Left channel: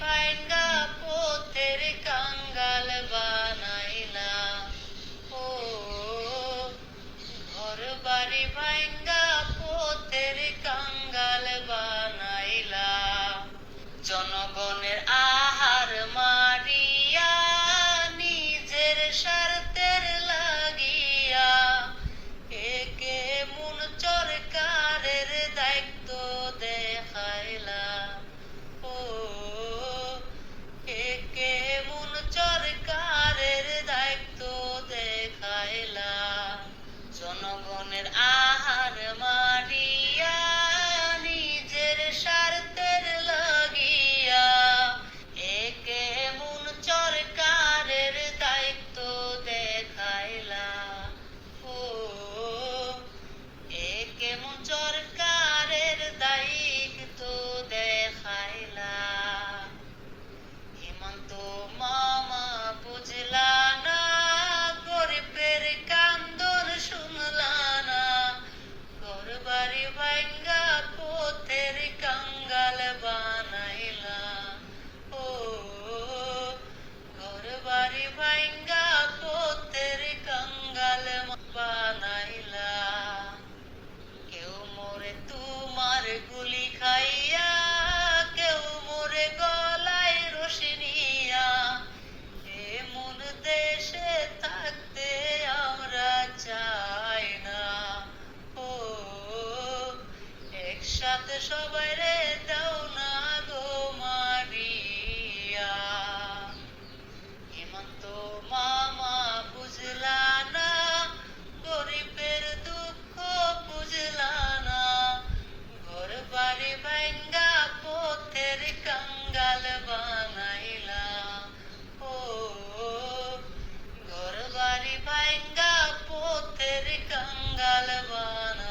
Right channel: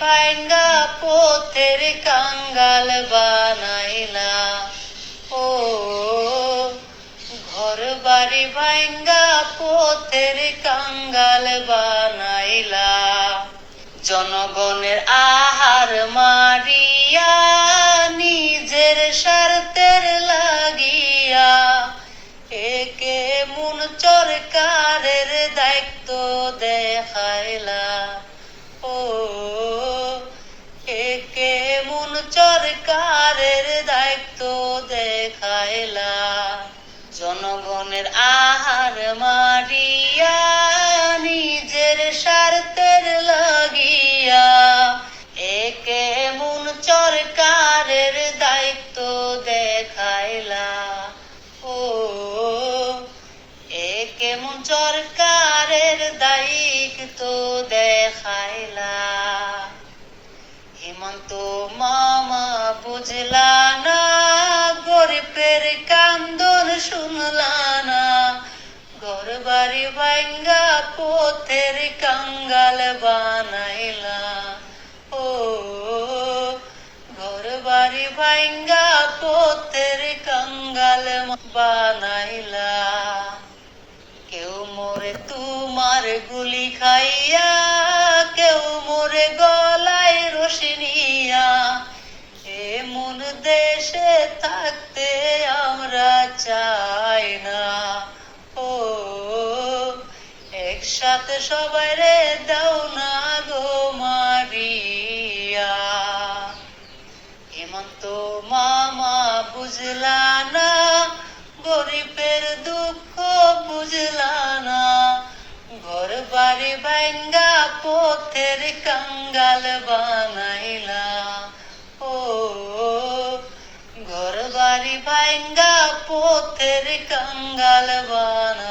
ভাঙ্গা পথের কাঙ্গাল বানাইলা। ও ঘর বাড়ি ভাঙ্গা পথের কাঙ্গাল বানাইলা। জনগণের আহার মারিয়া নিজের স্বার্থের লাগিয়া একে মন সরকারের দায়িত্ব দেখাইলা। ও একে মন সরকারের দায়িত্ব দেখাইলা। জনগণের আহার মারিয়া নিজের স্বার্থের লাগিয়া একে মন সরকারের দায়িত্ব দেখাইলা। ও একে মন সরকারের দায়িত্ব দেখাইলা। হেমন্ত মামা বুঝলা না, গরিবের কান্দন শুনলা না। ঘর বাড়ি ভাঙ্গা পথের কাঙ্গাল বানাইলা। ও ঘর বাড়ি ভাঙ্গা পথের কাঙ্গাল বানাইলা। কেউ মোরে তোমার গুলি খাইয়া, কেউ মোরে গলায় রশি নিয়া। এমন দেশে থাকতে আমরা চাই না। ও একসাথে সবাই রে দাও না গো মারিয়া। হেমন্ত মামা বুঝলা না, গরিবের দুঃখ বুঝলা না। ঘর বাড়ি ভাঙ্গা পথের কাঙ্গাল বানাইলা। ও ঘর বাড়ি ভাঙ্গা পথের কাঙ্গাল বানাইলা।